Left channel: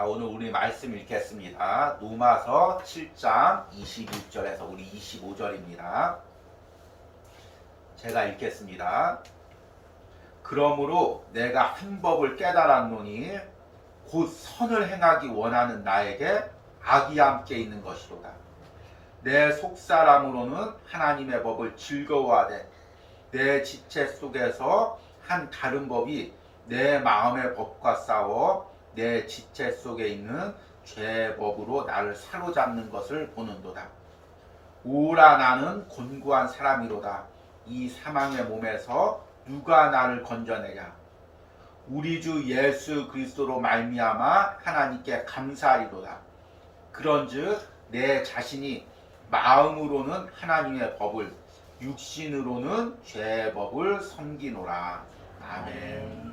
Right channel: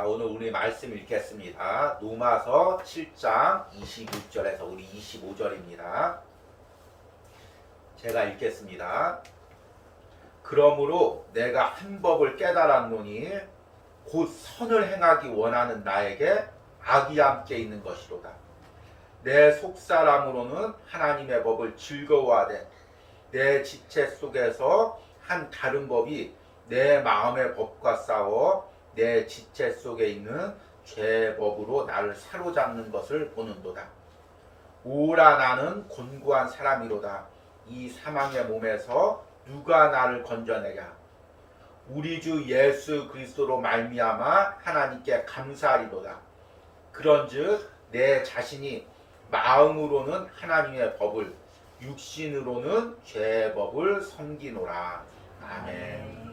자, 오늘 우리 말씀 읽겠습니다. 로마서 7장 21절에서 우리 25절입니다. 제가 읽겠습니다. 그러므로 내가 한 법을 깨달았노니 곧 선을 행하기 원하는 나에게 악이 함께 있는 것이로다. 내 속사람으로는 하나님의 법을 즐거워하되 내 지체 속에서 한 다른 법이 내 마음의 법과 싸워 내 지체 속에 있는 죄의 법으로 나를 사로잡는 것을 보는도다. 오라 나는 곤고한 사람이로다. 이 사망의 몸에서 누가 나를 건져내랴. 우리 주 예수 그리스도로 말미암아 하나님께 감사하리로다. 그런즉 내 자신이 마음으로는 하나님의 법을 육신으로는 죄의 법을 섬기노라. 아멘.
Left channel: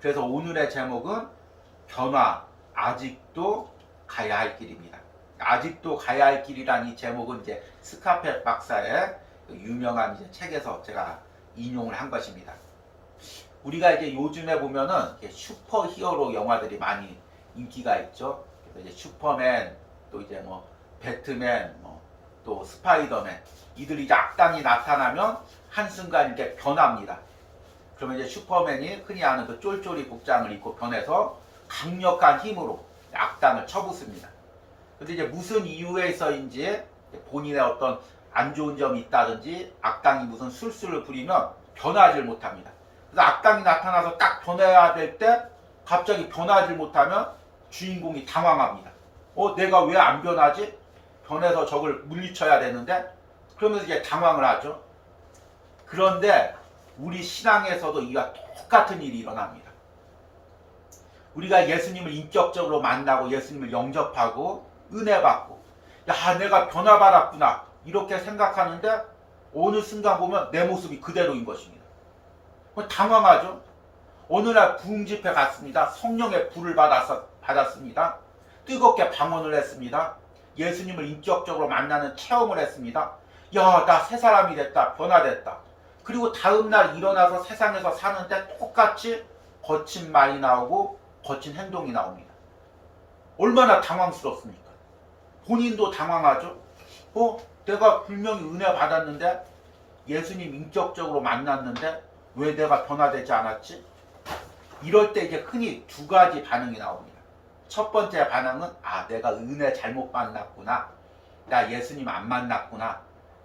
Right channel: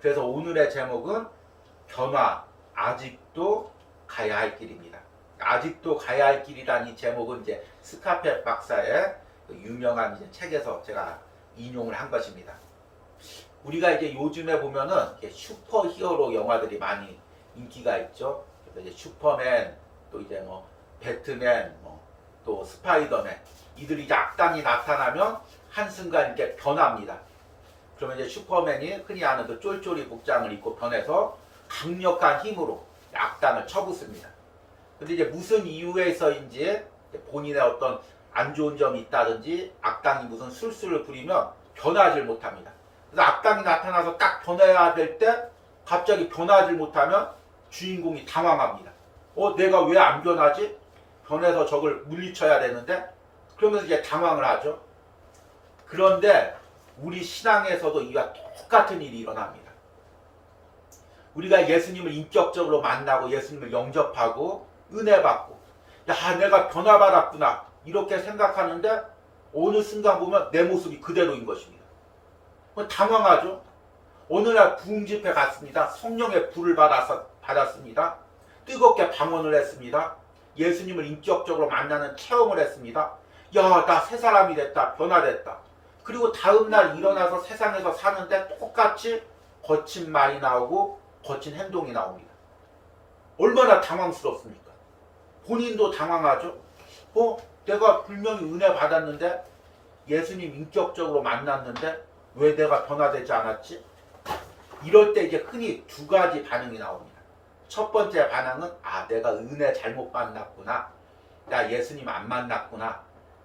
그래서 오늘의 제목은 변화, 아직도 가야 할 길입니다. 아직도 가야 할 길이란 이 제목은 이제 스카펫 박사의 유명한 이제 책에서 제가 인용을 한 것입니다. 우리가 이제 요즘에 보면은 슈퍼 히어로 영화들이 많이 인기가 있죠. 그래서 이제 슈퍼맨, 또 이제 뭐 배트맨, 또 스파이더맨, 이들이 이제 악당이 나타나면 한순간 이렇게 변합니다. 그러면 이제 슈퍼맨이 흔히 아는 그 쫄쫄이 복장을 입고 변해서 강력한 힘으로 악당을 쳐붓습니다. 근데 이제 무슨 이유에서인지 본인의 어떤 안 좋은 점이 있다든지 악당이 무슨 술수를 부리면 변하지 못합니다. 그래서 악당이 나타나서 딱 변해야 될 때 갑자기 변하지 못하면 주인공이 당황합니다. 내가 왜 안 변하지? 변해서 적을 물리쳐야 되는데? 그러면서 이제 당황을 하죠. 그런데 우리 신앙에서도 이와 똑같은 일이 일어납니다. 우리가 예수님을 인격적으로 만나고 예수님을 영접하고 은혜 받고 야 내가 변화받았구나 이렇게 생각하는데 어느 순간 보면 내 모습이 그대로인 것입니다. 당황하죠. 어느 날 부흥집회 갔습니다. 성령의 불을 받았습니다. 뜨겁게 방언을 했습니다. 예수님을 인격적으로 만나는 체험을 했습니다. 야 나 새 사람이 됐다. 변화됐다. 그리고 다음날 일어나서 세상에서 사는데 똑같이 거친 말이 나오고 거친 행동이 나옵니다. 얼마나 당황스럽습니까? 본인도 당황하죠. 내가 분명히 은혜 받았는데 예수님 인격적으로 만났는데 왜 내가 변화되지 않았지? 이럴 때 이제 흔히 두 가지 반응이 나옵니다. 첫 번째 반응은 내가 은혜 잘못 만났구나. 나 예수님 안 만났구나.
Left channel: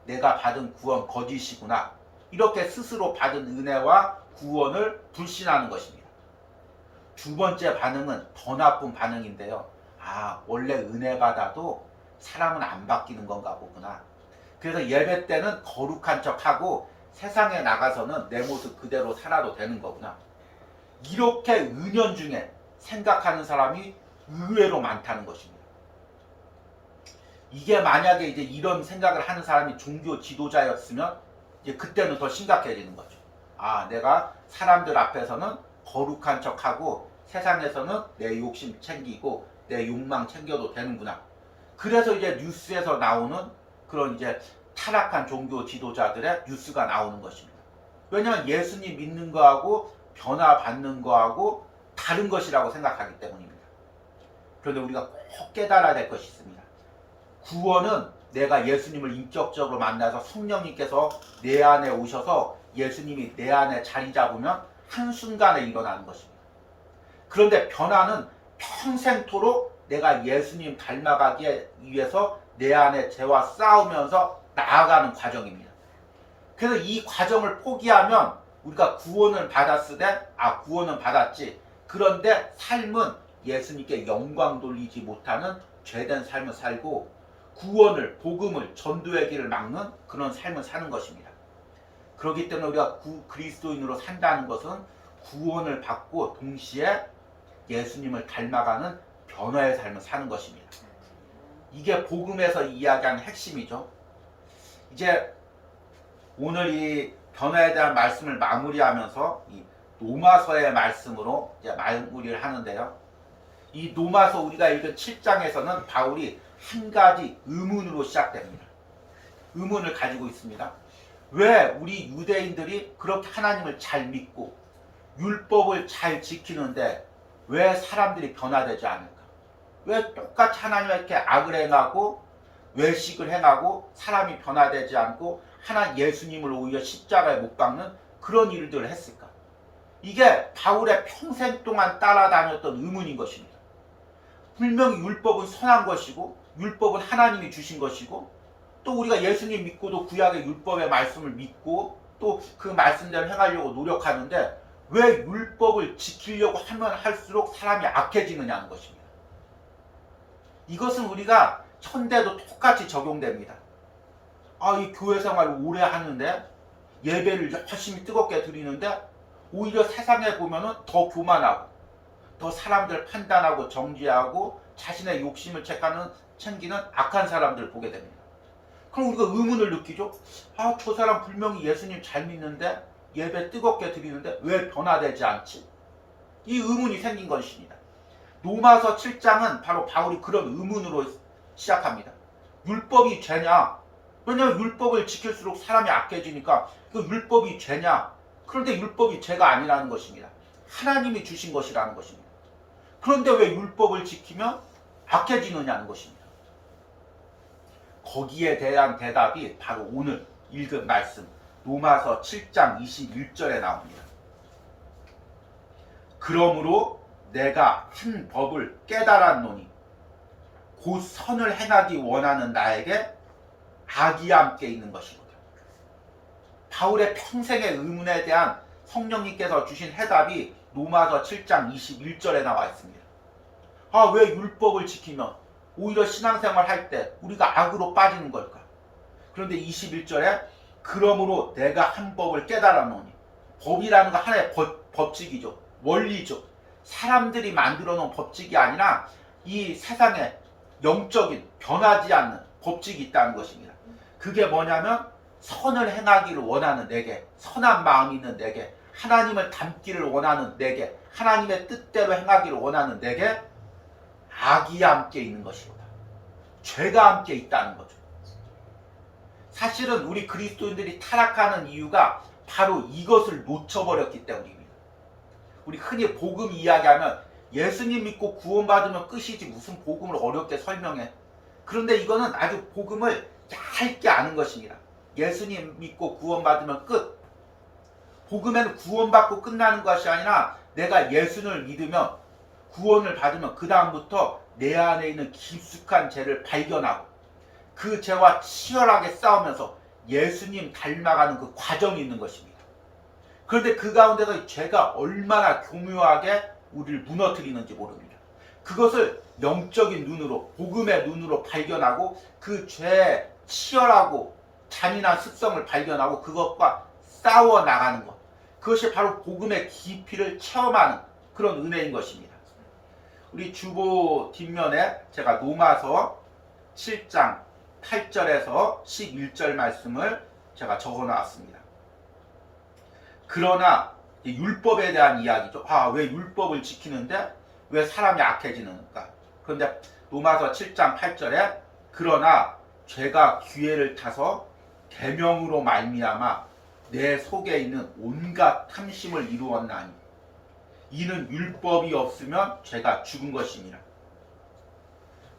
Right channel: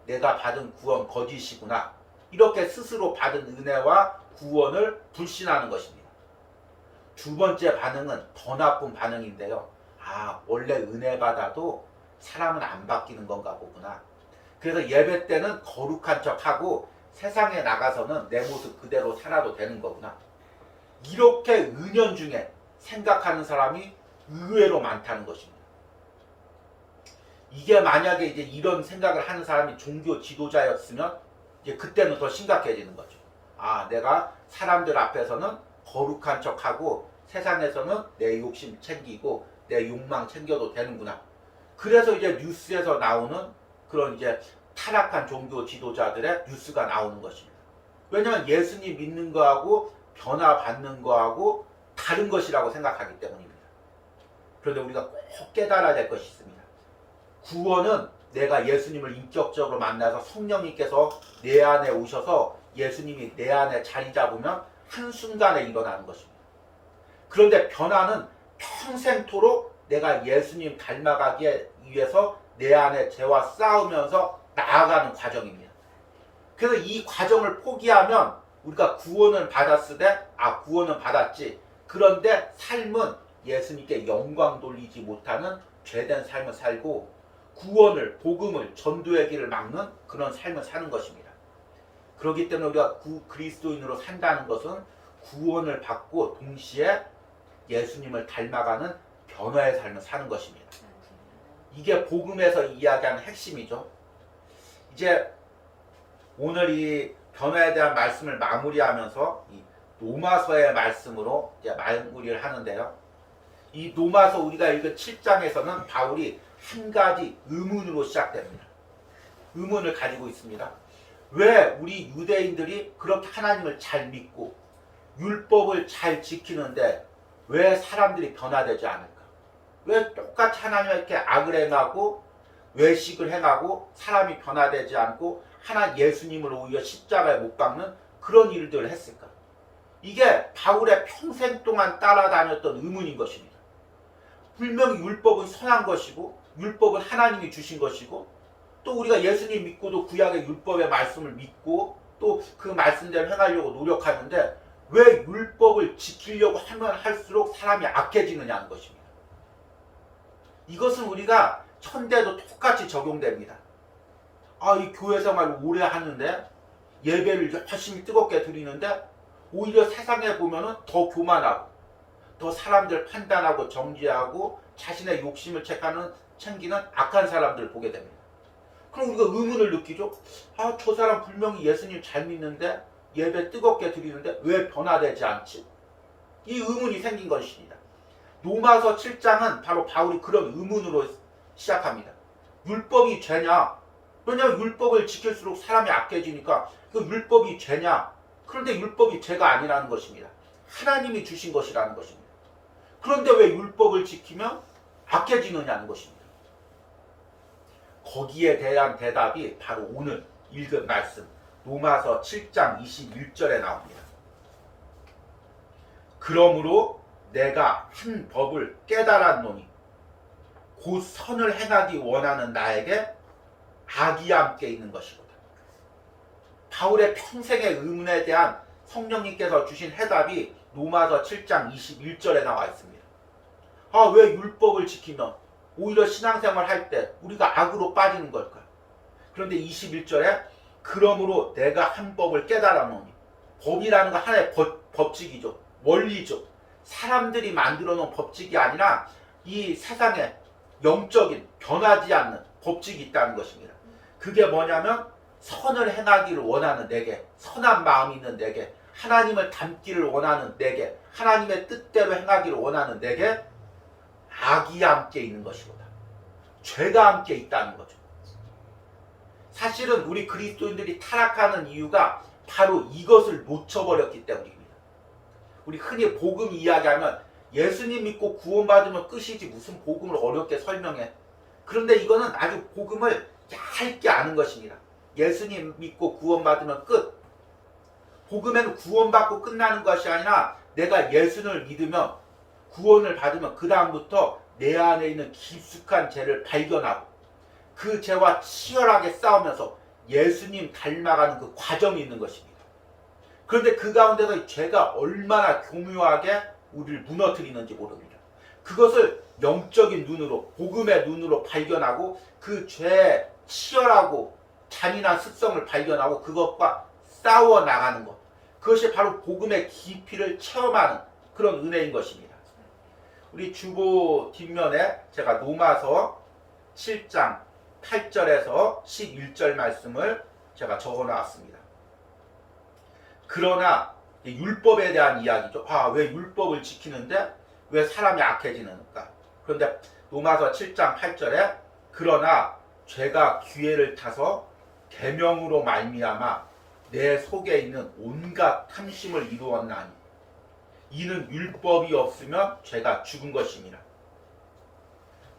내가 받은 구원 거짓이구나. 이렇게 스스로 받은 은혜와 구원을 불신하는 것입니다. 두 번째 반응은 더 나쁜 반응인데요. 원래 은혜 받아도 사람은 안 바뀌는 건가 보구나. 그래서 예배 때는 거룩한 척하고 세상에 나가서는 내 모습 그대로 살아도 되는 거구나. 이렇게 은연중에 생각하는 사람이 의외로 많다는 것입니다. 이게 만약에 이제 이런 생각을 하는 사람이 종교 지도자였으면 이제 그때는 더 심각해지는 거죠. 내가 사람들 앞에서는 거룩한 척하고 세상에서는 내 욕심 챙기고 내 욕망 챙겨도 되는구나. 그래서 이제 뉴스에서 나오는 그런 이제 타락한 종교 지도자들의 뉴스가 나오는 것입니다. 왜냐하면 예수님 믿는 거하고 변화받는 거하고 다른 것이라고 생각하기 때문입니다. 그런데 우리가 꼭 깨달아야 될 것이 있습니다. 구원은 내가 예수님을 인격적으로 만나서 성령님께서 내 안에 오셔서 예수님이 내 안에 자리 잡으면 한순간에 일어나는 것입니다. 그런데 변화는 평생토록 내가 예수님 닮아가기 위해서 내 안에 죄와 싸우면서 나아가는 과정입니다. 그래서 이 과정을 포기하면 우리가 구원을 받았을 때 구원은 받았지. 그런데 삶은 예수님께 영광 돌리지 못하는 죄된 삶을 살고 구원을, 복음을, 전도의 길을 막는 그런 삶을 사는 것입니다. 그렇기 때문에 우리가 그리스도인으로 산다는 것은 구원을 받고 동시에 예수님을 닮아가는 변화의 삶을 사는 것입니다. 이게 복음에서 이야기하는 핵심이죠. 이제 오늘 이 변화에 대한 말씀을 마무리하면서 이 로마서의 말씀으로 이제 마무리를 하는데요. 이 로마서 우리가 읽은 7장에서는 바울이 한 가지 의문으로 시작됩니다. 의문을 가지고 있습니다. 왜 우리 유대인들이 그렇게 하나님을 잘 믿고 율법을 잘 지키는데 왜 사람들이 변화되지 않을까? 왜 똑같이 하나님께 악을 행하고 외식을 행하고 사람이 변화되지 않고 하나 예수님을 오히려 십자가에 못 박는 그런 일들을 했을까? 이게 바울의 평생 동안 따라다녔던 의문인 것입니다. 분명히 율법은 선한 것이고 율법은 하나님이 주신 것이고 또 우리가 예수님 믿고도 구약의 율법의 말씀을 믿고 또 그 말씀대로 행하려고 노력하는데 왜 율법을 지키려고 하면 할수록 사람이 악해지느냐는 것입니다. 이것은 우리가 현대도 똑같이 적용됩니다. 이 교회 생활을 오래 하는데 예배를 열심히 뜨겁게 드리는데 오히려 세상에 보면은 더 교만하고 더 사람들 판단하고 정죄하고 자신의 욕심을 챙기는 악한 사람들을 보게 됩니다. 그럼 우리가 의문을 느끼죠. 저 사람 분명히 예수님 잘 믿는데 예배 뜨겁게 드리는데 왜 변화되지 않지? 이 의문이 생긴 것입니다. 로마서 7장은 바로 바울이 그런 의문으로 시작합니다. 율법이 죄냐? 왜냐하면 율법을 지킬수록 사람이 악해지니까 그 율법이 죄냐? 그런데 율법이 죄가 아니라는 것입니다. 하나님이 주신 것이라는 것입니다. 그런데 왜 율법을 지키면 악해지느냐는 것입니다. 거기에 대한 대답이 바로 오늘 읽은 말씀 로마서 7장 21절에 나옵니다. 그러므로 내가 한 법을 깨달았노니 곧 선을 행하기 원하는 나에게 악이 함께 있는 것이로다. 바울의 평생의 의문에 대한 성령님께서 주신 해답이 로마서 7장 21절에 나와 있습니다. 왜 율법을 지키면 오히려 신앙생활 할 때 우리가 악으로 빠지는 걸까? 그런데 21절에 그러므로 내가 한 법을 깨달았노니 법이라는 거 하나의 법칙이죠. 원리죠. 사람들이 만들어 놓은 법칙이 아니라 이 세상에 영적인 변하지 않는 법칙이 있다는 것입니다. 그게 뭐냐면 선을 행하기를 원하는 내게, 선한 마음이 있는 내게, 하나님을 닮기를 원하는 내게, 하나님의 뜻대로 행하기를 원하는 내게 악이 함께 있는 것이로다. 죄가 함께 있다는 거죠. 사실은 우리 그리스도인들이 타락하는 이유가 바로 이것을 놓쳐버렸기 때문입니다. 우리 흔히 복음 이야기하면 예수님 믿고 구원받으면 끝이지 무슨 복음을 어렵게 설명해. 그런데 이거는 아주 복음을 얇게 아는 것입니다. 예수님 믿고 구원받으면 끝. 복음에는 구원받고 끝나는 것이 아니라 내가 예수를 믿으면 구원을 받으면 그 다음부터 내 안에 있는 깊숙한 죄를 발견하고 그 죄와 치열하게 싸우면서 예수님 닮아가는 그 과정이 있는 것입니다. 그런데 그 가운데서 이 죄가 얼마나 교묘하게 우리를 무너뜨리는지 모릅니다. 그것을 영적인 눈으로, 복음의 눈으로 발견하고 그 죄의 치열하고 잔인한 습성을 발견하고 그것과 싸워 나가는 것. 그것이 바로 복음의 깊이를 체험하는 그런 은혜인 것입니다. 우리 주보 뒷면에 제가 로마서 7장 8절에서 11절 말씀을 제가 적어 놨습니다. 그러나 율법에 대한 이야기죠. 왜 율법을 지키는데 왜 사람이 악해지는가? 그런데 로마서 7장 8절에 그러나 죄가 기회를 타서 계명으로 말미암아 내 속에 있는 온갖 탐심을 이루었나니 이는 율법이 없으면 죄가 죽은 것입니다.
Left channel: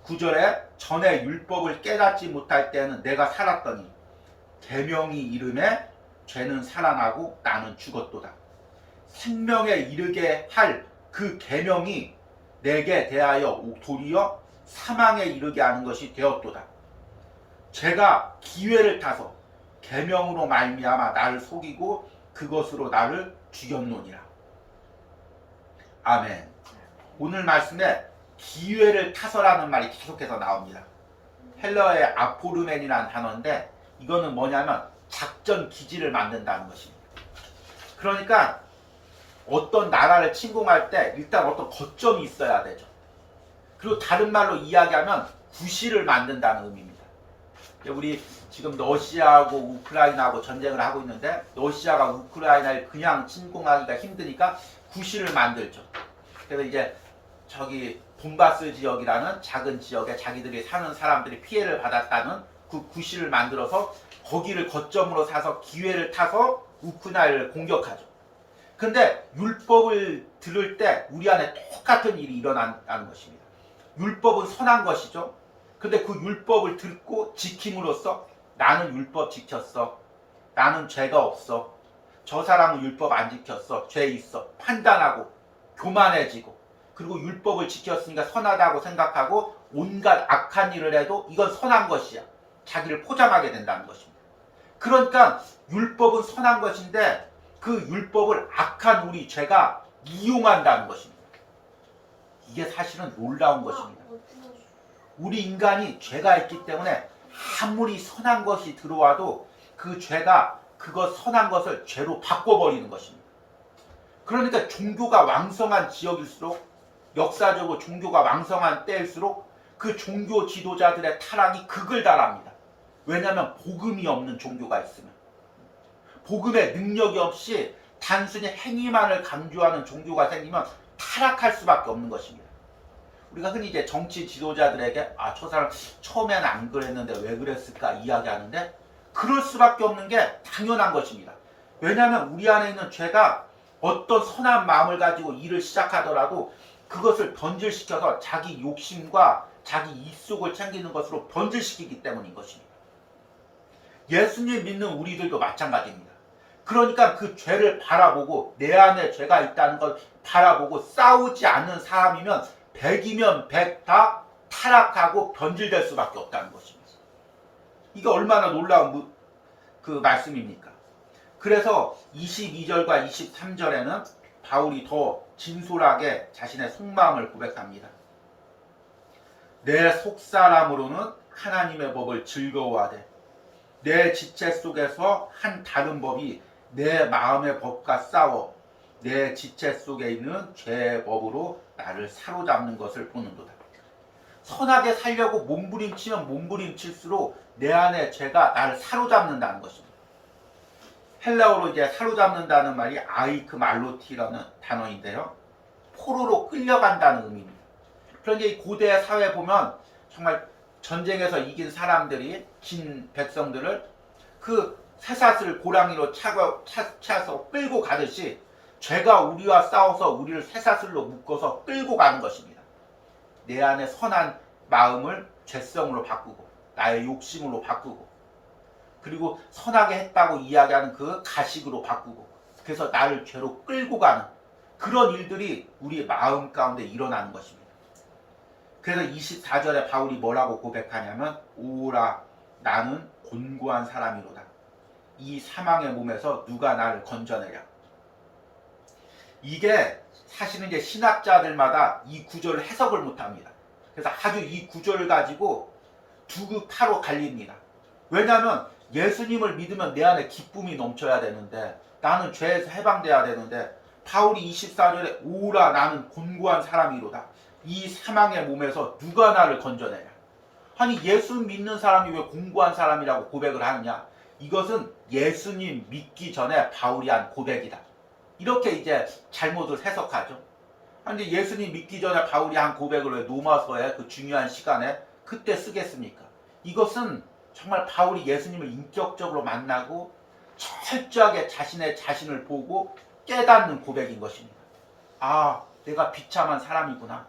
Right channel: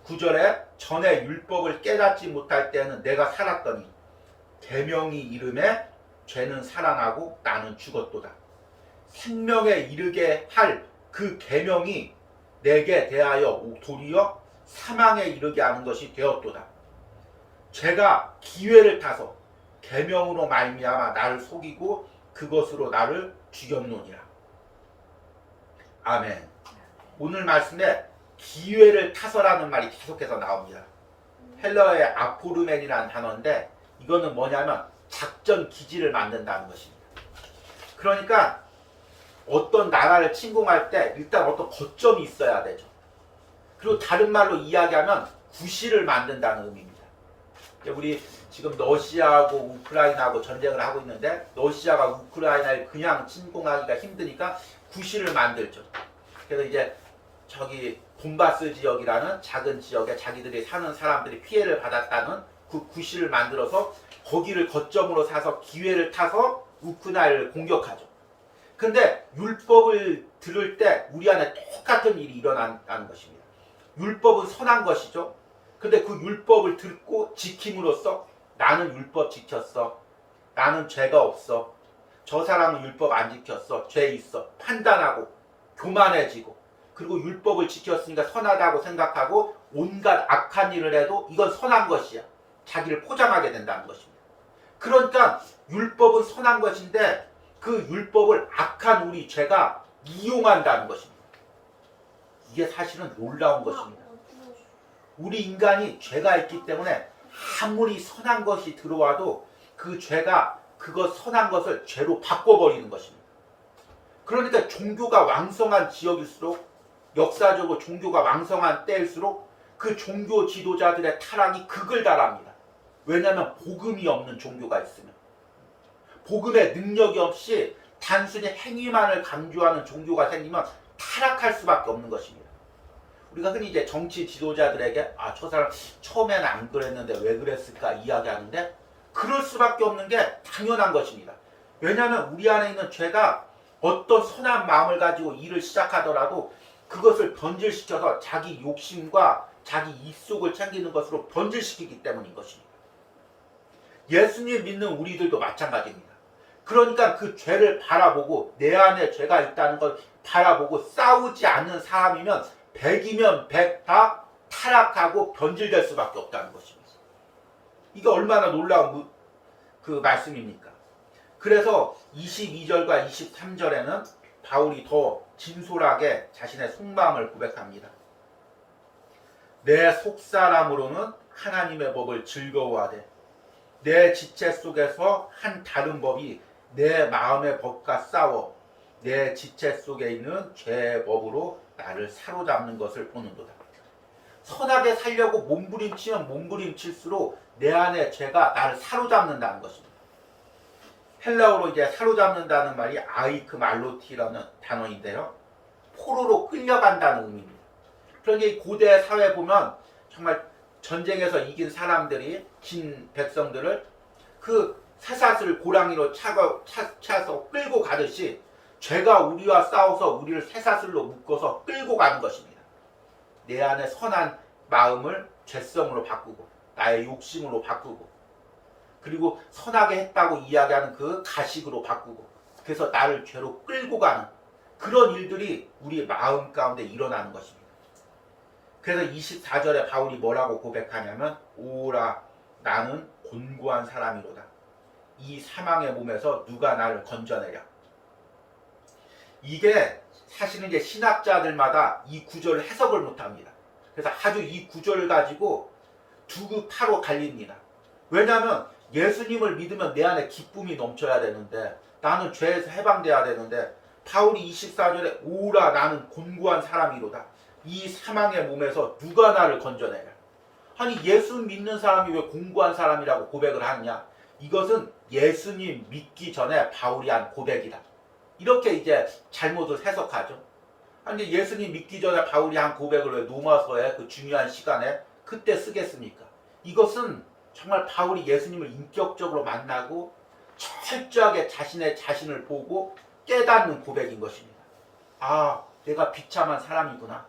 9절에 전에 율법을 깨닫지 못할 때는 내가 살았더니 계명이 이름에 죄는 살아나고 나는 죽었도다. 생명에 이르게 할 그 계명이 내게 대하여 도리어 사망에 이르게 하는 것이 되었도다. 죄가 기회를 타서 계명으로 말미암아 나를 속이고 그것으로 나를 죽였노니라. 아멘. 오늘 말씀에 기회를 타서라는 말이 계속해서 나옵니다. 헬러의 아포르멘이라는 단어인데 이거는 뭐냐면 작전 기지를 만든다는 것입니다. 그러니까 어떤 나라를 침공할 때 일단 어떤 거점이 있어야 되죠. 그리고 다른 말로 이야기하면 구실을 만든다는 의미입니다. 우리 지금 러시아하고 우크라이나하고 전쟁을 하고 있는데 러시아가 우크라이나를 그냥 침공하기가 힘드니까 구실을 만들죠. 그래서 이제 저기 돈바스 지역이라는 작은 지역에 자기들이 사는 사람들이 피해를 받았다는 그 구실을 만들어서 거기를 거점으로 사서 기회를 타서 우크라이나를 공격하죠. 근데 율법을 들을 때 우리 안에 똑같은 일이 일어나는 것입니다. 율법은 선한 것이죠. 근데 그 율법을 듣고 지킴으로써 나는 율법 지켰어. 나는 죄가 없어. 저 사람은 율법 안 지켰어. 죄 있어. 판단하고 교만해지고 그리고 율법을 지켰으니까 선하다고 생각하고 온갖 악한 일을 해도 이건 선한 것이야. 자기를 포장하게 된다는 것입니다. 그러니까 율법은 선한 것인데 그 율법을 악한 우리 죄가 이용한다는 것입니다. 이게 사실은 놀라운 것입니다. 우리 인간이 죄가 있기 때문에 아무리 선한 것이 들어와도 그 죄가 그것 선한 것을 죄로 바꿔버리는 것입니다. 그러니까 종교가 왕성한 지역일수록 역사적으로 종교가 왕성한 때일수록 그 종교 지도자들의 타락이 극을 달합니다. 왜냐하면 복음이 없는 종교가 있으면 복음의 능력이 없이 단순히 행위만을 강조하는 종교가 생기면 타락할 수밖에 없는 것입니다. 우리가 흔히 이제 정치 지도자들에게 저 사람 처음에는 안 그랬는데 왜 그랬을까 이야기하는데 그럴 수밖에 없는 게 당연한 것입니다. 왜냐하면 우리 안에 있는 죄가 어떤 선한 마음을 가지고 일을 시작하더라도 그것을 변질시켜서 자기 욕심과 자기 입속을 챙기는 것으로 변질시키기 때문인 것입니다. 예수님 믿는 우리들도 마찬가지입니다. 그러니까 그 죄를 바라보고 내 안에 죄가 있다는 걸 바라보고 싸우지 않는 사람이면 100이면 100 다 타락하고 변질될 수밖에 없다는 것입니다. 이게 얼마나 놀라운 그 말씀입니까? 그래서 22절과 23절에는 바울이 더 진솔하게 자신의 속마음을 고백합니다. 내 속사람으로는 하나님의 법을 즐거워하되 내 지체 속에서 한 다른 법이 내 마음의 법과 싸워 내 지체 속에 있는 죄의 법으로 나를 사로잡는 것을 보는도다. 선하게 살려고 몸부림치면 몸부림칠수록 내 안에 죄가 나를 사로잡는다는 것입니다. 헬라어로 이제 사로잡는다는 말이 아이크말로티라는 단어인데요. 포로로 끌려간다는 의미입니다. 그러니까 이 고대 사회에 보면 정말 전쟁에서 이긴 사람들이 진 백성들을 그 쇠사슬을 고랑이로 차서 끌고 가듯이 죄가 우리와 싸워서 우리를 쇠사슬로 묶어서 끌고 가는 것입니다. 내 안에 선한 마음을 죄성으로 바꾸고 나의 욕심으로 바꾸고 그리고 선하게 했다고 이야기하는 그 가식으로 바꾸고 그래서 나를 죄로 끌고 가는 그런 일들이 우리 마음 가운데 일어나는 것입니다. 그래서 24절에 바울이 뭐라고 고백하냐면 오라 나는 곤고한 사람이로다. 이 사망의 몸에서 누가 나를 건져내랴. 이게 사실은 이제 신학자들마다 이 구절을 해석을 못합니다. 그래서 아주 이 구절을 가지고 두 파로 갈립니다. 왜냐하면 예수님을 믿으면 내 안에 기쁨이 넘쳐야 되는데 나는 죄에서 해방돼야 되는데 바울이 24절에 오라 나는 곤고한 사람이로다. 이 사망의 몸에서 누가 나를 건져내랴. 아니 예수 믿는 사람이 왜 곤고한 사람이라고 고백을 하느냐. 이것은 예수님 믿기 전에 바울이 한 고백이다. 이렇게 이제 잘못을 해석하죠. 근데 예수님 믿기 전에 바울이 한 고백을 왜 로마서의 그 중요한 시간에 그때 쓰겠습니까? 이것은 정말 바울이 예수님을 인격적으로 만나고 철저하게 자신의 자신을 보고 깨닫는 고백인 것입니다. 아, 내가 비참한 사람이구나.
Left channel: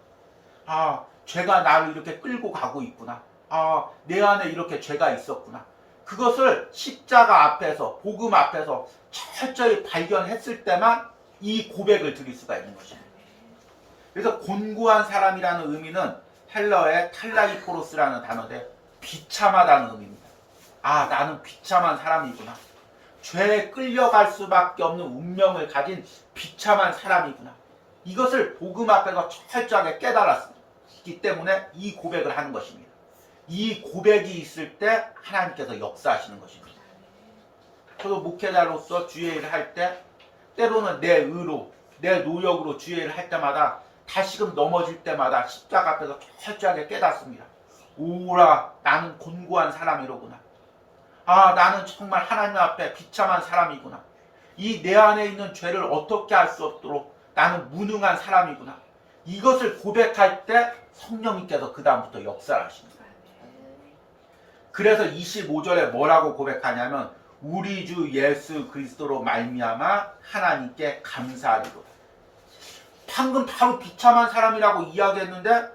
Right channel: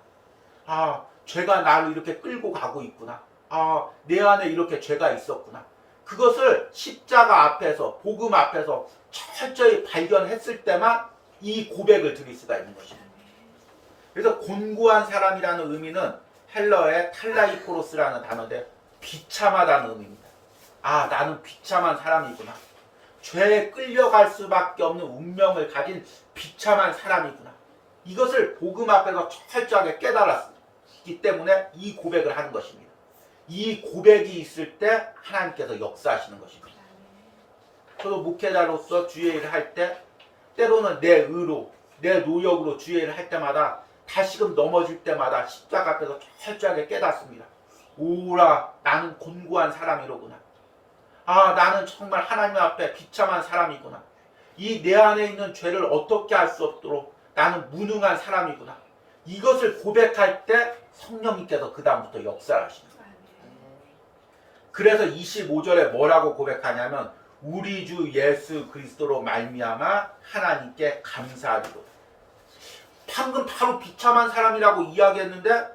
아, 죄가 나를 이렇게 끌고 가고 있구나. 아, 내 안에 이렇게 죄가 있었구나. 그것을 십자가 앞에서 복음 앞에서 철저히 발견했을 때만 이 고백을 드릴 수가 있는 것입니다. 그래서 곤고한 사람이라는 의미는 헬러의 탈라이포로스라는 단어인데 비참하다는 의미입니다. 아, 나는 비참한 사람이구나. 죄에 끌려갈 수밖에 없는 운명을 가진 비참한 사람이구나. 이것을 복음 앞에서 철저하게 깨달았기 때문에 이 고백을 하는 것입니다. 이 고백이 있을 때 하나님께서 역사하시는 것입니다. 저도 목회자로서 주의 일을 할 때 때로는 내 의로 내 노력으로 주의 일을 할 때마다 다시금 넘어질 때마다 십자가 앞에서 철저하게 깨닫습니다. 오라 나는 곤고한 사람이로구나. 아 나는 정말 하나님 앞에 비참한 사람이구나. 이 내 안에 있는 죄를 어떻게 할 수 없도록 나는 무능한 사람이구나. 이것을 고백할 때 성령님께서 그 다음부터 역사를 하십니다. 그래서 25절에 뭐라고 고백하냐면 우리 주 예수 그리스도로 말미암아 하나님께 감사하리로다. 방금 바로 비참한 사람이라고 이야기했는데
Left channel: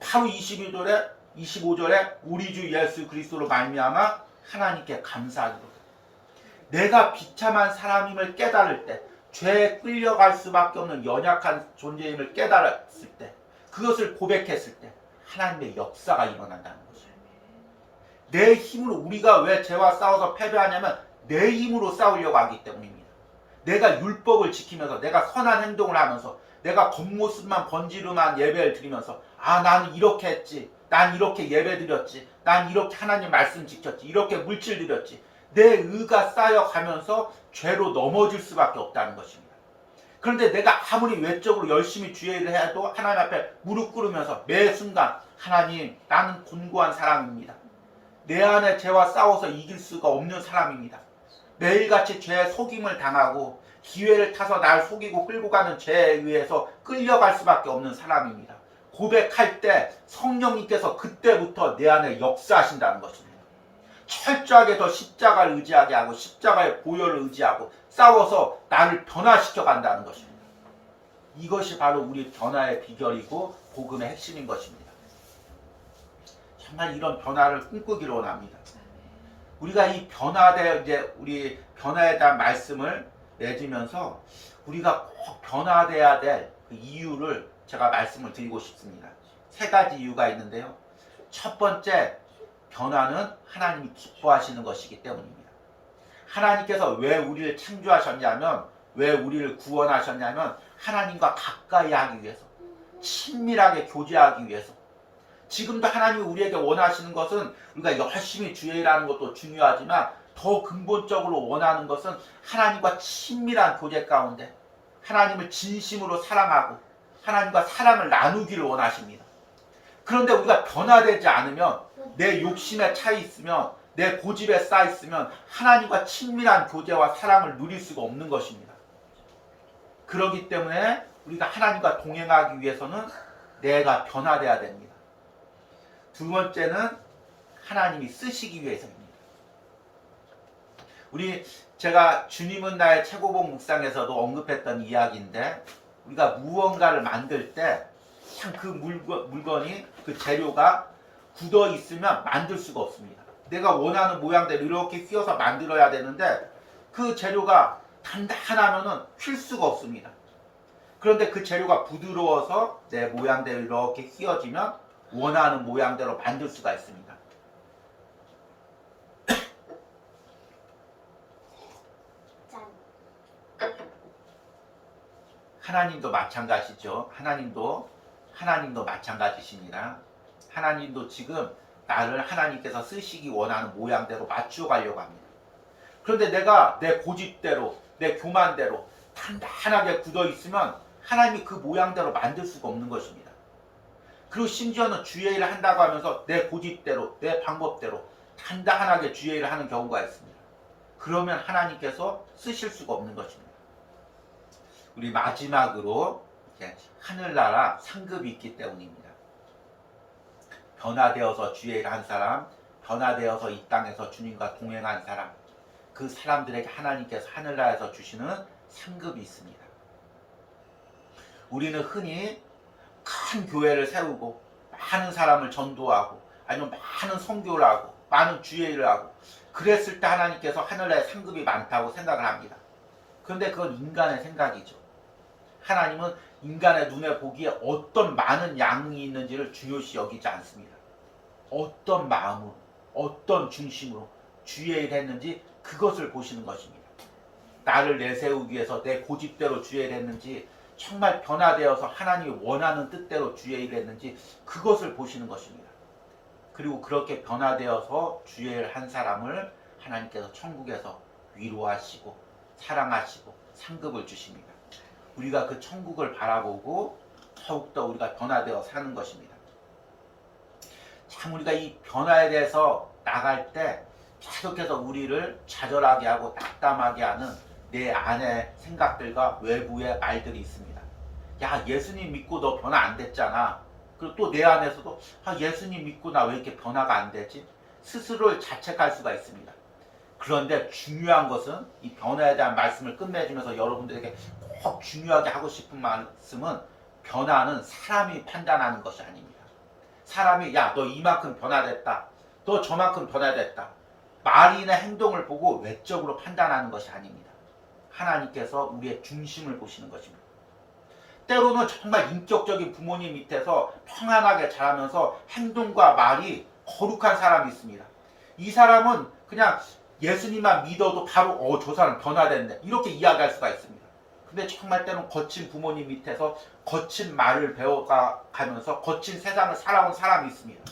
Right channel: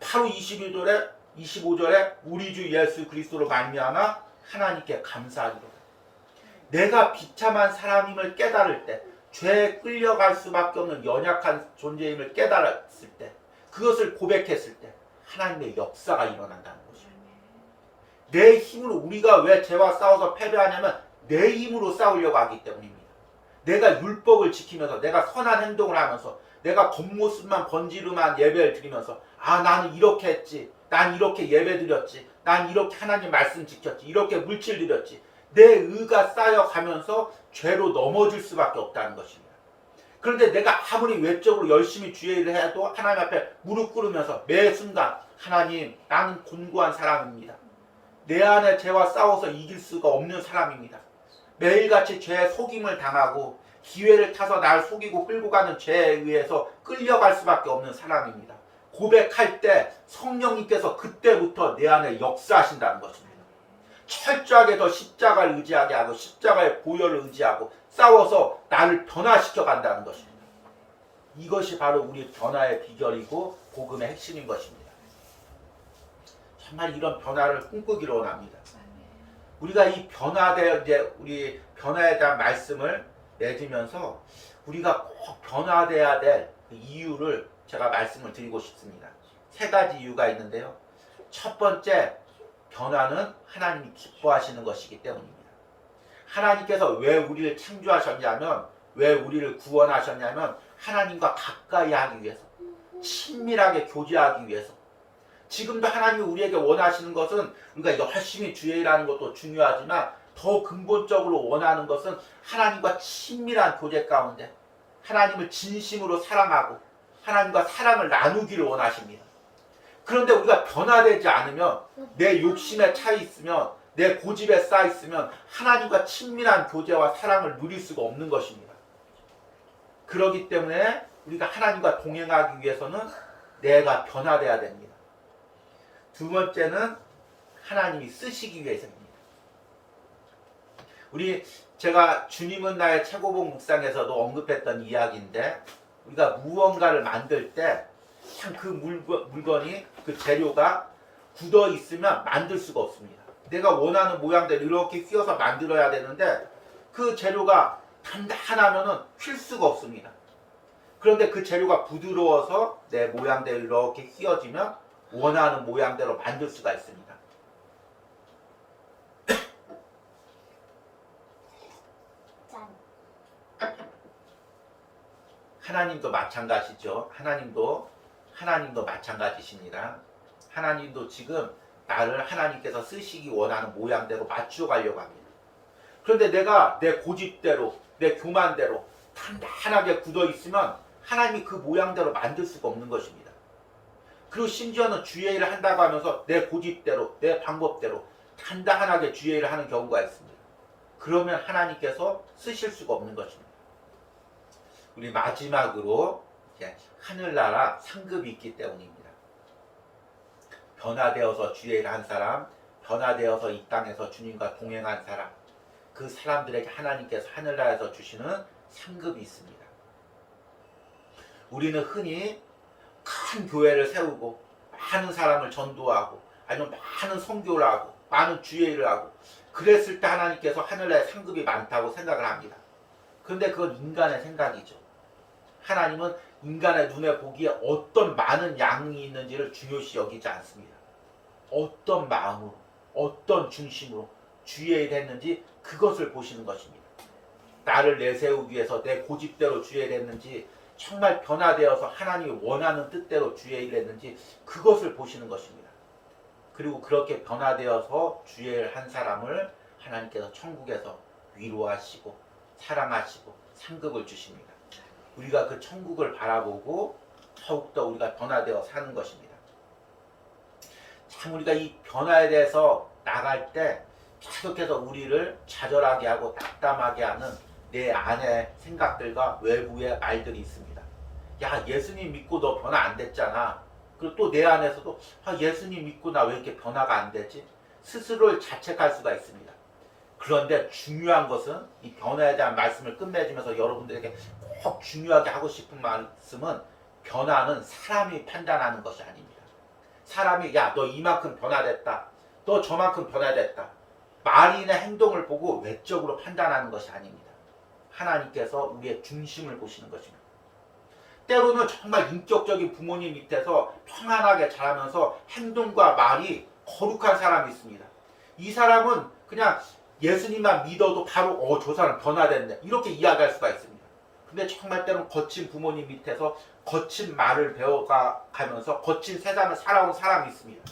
바로 25절에 우리 주 예수 그리스도로 말미암아 하나님께 감사하리로다. 내가 비참한 사람임을 깨달을 때, 죄에 끌려갈 수밖에 없는 연약한 존재임을 깨달았을 때, 그것을 고백했을 때 하나님의 역사가 일어난다는 것이에요. 내 힘으로, 우리가 왜 죄와 싸워서 패배하냐면 내 힘으로 싸우려고 하기 때문입니다. 내가 율법을 지키면서, 내가 선한 행동을 하면서, 내가 겉모습만 번지르만 예배를 드리면서, 아, 나는 이렇게 했지, 난 이렇게 예배 드렸지, 난 이렇게 하나님 말씀 지켰지, 이렇게 물질 드렸지, 내 의가 쌓여가면서 죄로 넘어질 수밖에 없다는 것입니다. 그런데 내가 아무리 외적으로 열심히 주의 일을 해도 하나님 앞에 무릎 꿇으면서 매 순간, 하나님, 나는 곤고한 사람입니다. 내 안에 죄와 싸워서 이길 수가 없는 사람입니다. 매일같이 죄에 속임을 당하고 기회를 타서 날 속이고 끌고 가는 죄에 의해서 끌려갈 수밖에 없는 사람입니다. 고백할 때 성령님께서 그때부터 내 안에 역사하신다는 것입니다. 철저하게 더 십자가를 의지하게 하고 십자가의 보혈을 의지하고 싸워서 나를 변화시켜 간다는 것입니다. 이것이 바로 우리 변화의 비결이고 복음의 핵심인 것입니다. 정말 이런 변화를 꿈꾸기로 원합니다. 우리가 이 우리 변화에 대한 말씀을 맺으면서 우리가 꼭 변화돼야 될 그 이유를 제가 말씀을 드리고 싶습니다. 3가지 이유가 있는데요. 첫 번째, 변화는 하나님이 기뻐하시는 것이기 때문입니다. 하나님께서 왜 우리를 창조하셨냐면, 왜 우리를 구원하셨냐면 하나님과 가까이 하기 위해서, 친밀하게 교제하기 위해서. 지금도 하나님이 우리에게 원하시는 것은 우리가 열심히 주의 일하는 것도 중요하지만 더 근본적으로 원하는 것은 하나님과 친밀한 교제 가운데 하나님을 진심으로 사랑하고 하나님과 사랑을 나누기를 원하십니다. 그런데 우리가 변화되지 않으면, 내 욕심에 차 있으면, 내 고집에 쌓여 있으면 하나님과 친밀한 교제와 사랑을 누릴 수가 없는 것입니다. 그렇기 때문에 우리가 하나님과 동행하기 위해서는 내가 변화돼야 됩니다. 두 번째는 하나님이 쓰시기 위해서입니다. 제가 주님은 나의 최고봉 묵상에서도 언급했던 이야기인데, 우리가 무언가를 만들 때 참 그 물건이, 그 재료가 굳어 있으면 만들 수가 없습니다. 내가 원하는 모양대로 이렇게 휘어서 만들어야 되는데 그 재료가 단단하면은 휠 수가 없습니다. 그런데 그 재료가 부드러워서 내 모양대로 이렇게 휘어지면 원하는 모양대로 만들 수가 있습니다. 하나님도 마찬가지죠. 하나님도 마찬가지십니다. 하나님도 지금 나를 하나님께서 쓰시기 원하는 모양대로 맞추어 가려고 합니다. 그런데 내가 내 고집대로, 내 교만대로 단단하게 굳어 있으면 하나님이 그 모양대로 만들 수가 없는 것입니다. 그리고 심지어는 주의 일을 한다고 하면서 내 고집대로, 내 방법대로 단단하게 주의 일을 하는 경우가 있습니다. 그러면 하나님께서 쓰실 수가 없는 것입니다. 우리 마지막으로 하늘나라 상급이 있기 때문입니다. 변화되어서 주의 일을 한 사람, 변화되어서 이 땅에서 주님과 동행한 사람, 그 사람들에게 하나님께서 하늘나라에서 주시는 상급이 있습니다. 우리는 흔히 큰 교회를 세우고 많은 사람을 전도하고 아니면 많은 선교를 하고 많은 주의 일을 하고 그랬을 때 하나님께서 하늘나라에 상급이 많다고 생각을 합니다. 그런데 그건 인간의 생각이죠. 하나님은 인간의 눈에 보기에 어떤 많은 양이 있는지를 중요시 여기지 않습니다. 어떤 마음으로, 어떤 중심으로 주의 일을 했는지 그것을 보시는 것입니다. 나를 내세우기 위해서 내 고집대로 주의 일을 했는지, 정말 변화되어서 하나님이 원하는 뜻대로 주의 일을 했는지 그것을 보시는 것입니다. 그리고 그렇게 변화되어서 주의 일을 한 사람을 하나님께서 천국에서 위로하시고 사랑하시고 상급을 주십니다. 우리가 그 천국을 바라보고 더욱더 우리가 변화되어 사는 것입니다. 참 우리가 이 변화에 대해서 나갈 때 계속해서 우리를 좌절하게 하고 낙담하게 하는 내 안의 생각들과 외부의 말들이 있습니다. 야, 예수님 믿고 너 변화 안 됐잖아. 그리고 또 내 안에서도 예수님 믿고 나 왜 이렇게 변화가 안 되지? 스스로를 자책할 수가 있습니다. 그런데 중요한 것은 이 변화에 대한 말씀을 끝맺으면서 여러분들에게 꼭 중요하게 하고 싶은 말씀은 변화는 사람이 판단하는 것이 아닙니다. 사람이 야, 너 이만큼 변화됐다. 너 저만큼 변화됐다. 말이나 행동을 보고 외적으로 판단하는 것이 아닙니다. 하나님께서 우리의 중심을 보시는 것입니다. 때로는 정말 인격적인 부모님 밑에서 평안하게 자라면서 행동과 말이 거룩한 사람이 있습니다. 이 사람은 그냥 예수님만 믿어도 바로 저 사람 변화됐네 이렇게 이야기할 수가 있습니다. 근데 정말 때로는 거친 부모님 밑에서 거친 말을 배워가면서 거친 세상을 살아온 사람이 있습니다.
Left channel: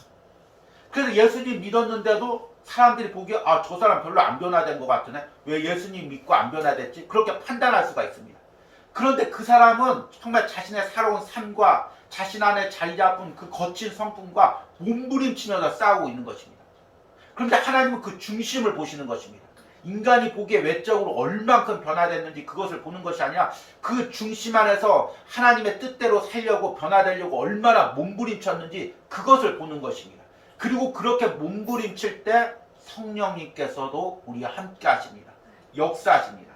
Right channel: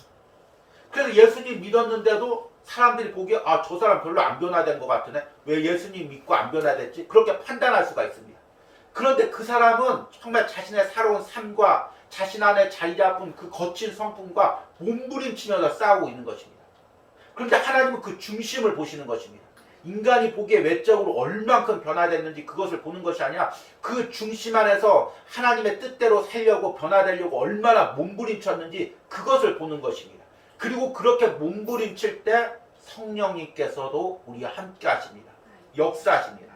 그래서 예수님 믿었는데도 사람들이 보기에 저 사람 별로 안 변화된 것 같으네. 왜 예수님 믿고 안 변화됐지? 그렇게 판단할 수가 있습니다. 그런데 그 사람은 정말 자신의 살아온 삶과 자신 안에 자리 잡은 그 거친 성품과 몸부림치면서 싸우고 있는 것입니다. 그런데 하나님은 그 중심을 보시는 것입니다. 인간이 보기에 외적으로 얼만큼 변화됐는지 그것을 보는 것이 아니라 그 중심 안에서 하나님의 뜻대로 살려고 변화되려고 얼마나 몸부림쳤는지 그것을 보는 것입니다. 그리고 그렇게 몸부림칠 때 성령님께서도 우리와 함께 하십니다. 역사하십니다.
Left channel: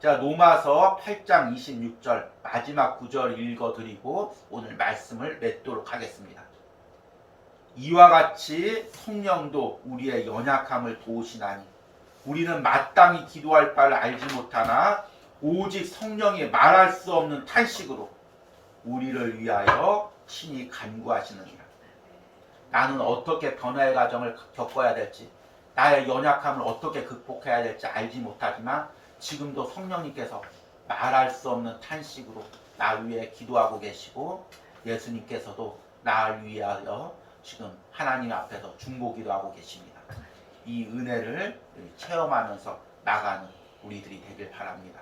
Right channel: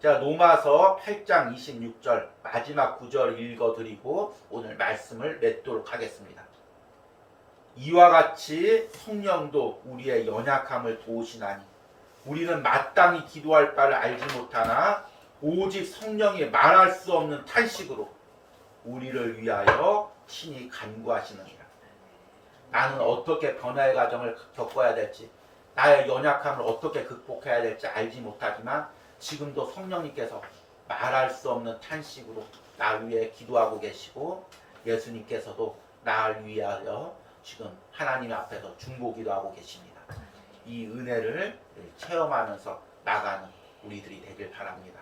자, 로마서 8장 26절 마지막 구절 읽어드리고 오늘 말씀을 맺도록 하겠습니다. 이와 같이 성령도 우리의 연약함을 도우시나니 우리는 마땅히 기도할 바를 알지 못하나 오직 성령이 말할 수 없는 탄식으로 우리를 위하여 친히 간구하시느니라. 나는 어떻게 변화의 과정을 겪어야 될지, 나의 연약함을 어떻게 극복해야 될지 알지 못하지만 지금도 성령님께서 말할 수 없는 탄식으로 나 위해 기도하고 계시고 예수님께서도 나를 위하여 지금 하나님 앞에서 중보기도 하고 계십니다. 이 은혜를 체험하면서 나가는 우리들이 되길 바랍니다.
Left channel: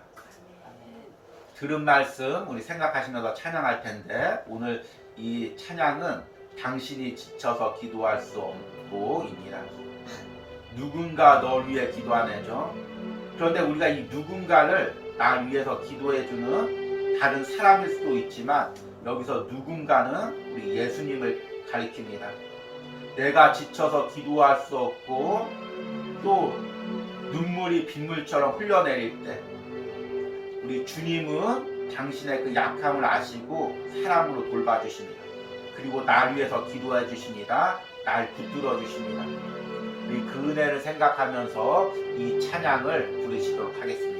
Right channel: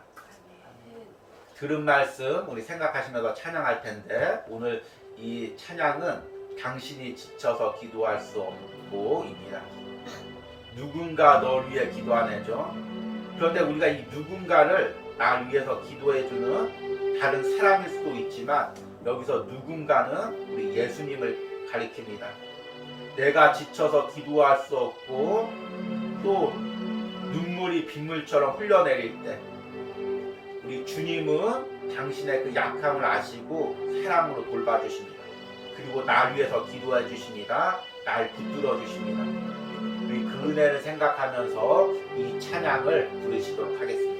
들은 말씀 우리 생각하시면서 찬양할 텐데 오늘 이 찬양은 당신이 지쳐서 기도할 수 없고입니다. 누군가 널 위해 기도하네죠. 그런데 우리가 이 누군가를 나를 위해서 기도해주는 다른 사람일 수도 있지만 여기서 누군가는 우리 예수님을 가리킵니다. 내가 지쳐서 기도할 수 없고 또 눈물이 빗물처럼 흘러내릴 때 우리 주님은 당신의 그 약함을 아시고 사랑으로 돌봐주십니다. 그리고 나를 위해서 기도해 주십니다. 날 붙들어 주십니다. 우리 그 은혜를 생각하면서 이 찬양을 부르시도록 하겠습니다.